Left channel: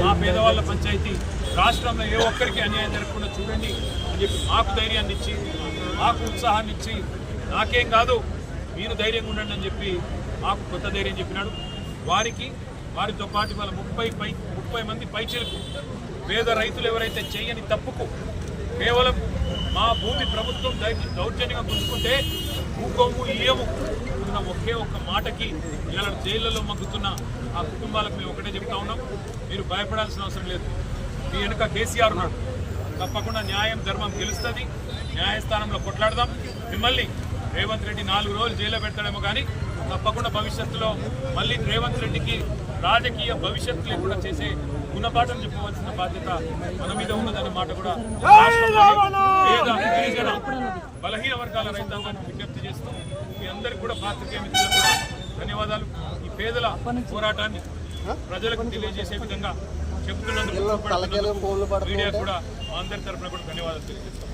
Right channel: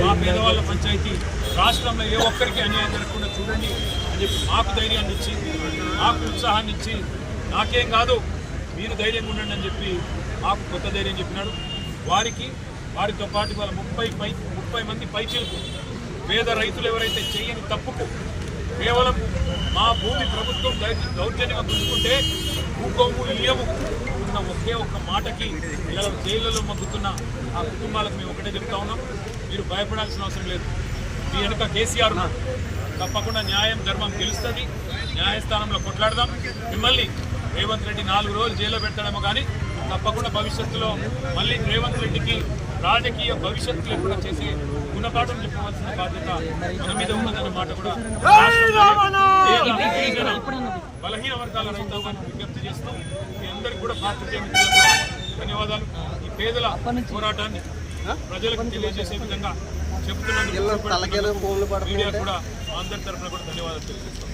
మా పేదవాళ్ళ పంచాయతీ రాష్ట్రంలో ఏ ఒక్కరికి అన్యాయం జరగకుండా చూడండి అని చెప్పి మాకు ధైర్యాన్ని ఇచ్చి మాకు ఉత్సాహాన్ని ఇచ్చి నాకేం కాదు మీరు ధైర్యంగా ఉండండి అని చెప్పి మాకు కొత్త ధైర్యం చెప్పినాడు. వారితో పాటు వాళ్ళ 30 మంది పైచీలకు పేద రైతులు ఎవరైతే చేయని తప్పుకు కేవలం మా భూమి ప్రభుత్వం దౌర్జన్యంగా గుంజుకుంటే భూకొమ్ము ఇయ్యము అన్న ఒక్క మాటకి ఇలా జైళ్లలో మగ్గుతున్న ఆ కుటుంబాలకు మేము ఒకటే చెప్తా ఉన్నాం, మీరు భయపడాల్సిన అవసరం లేదు. మీ వెనుక కేసీఆర్ తప్పకుండా న్యాయం ధర్మం గెలుస్తుంది. న్యాయస్థానంలో కొట్లాడదాం. మిమ్మల్ని రేవంత్ రెడ్డి 4 రోజులు జైల్లో పెడతాడేమో కానీ తప్పకుండా భవిష్యత్తులో మళ్ళీ రేవంత్ రెడ్డికి రాజకీయ భవిష్యత్తు లేకుండా చేసే గుణపాఠం చెప్పవలసిన బాధ్యత మన మీద ఉన్నదన్న మాట కూడా బలహీన వర్గాల రైతాంగానికి విజ్ఞప్తి చేస్తూ మీ అందరికీ కూడా పాత్రికేయ మిత్రులకు కూడా ధన్యవాదాలు. ఈ పేదల పోరాటాన్ని ప్రజలకు తెలియజేసే విధంగా చెబుతున్నందుకు మీడియా కూడా మా అందరి తరఫున కూడా ధన్యవాదాలు తెలియజేస్తాం.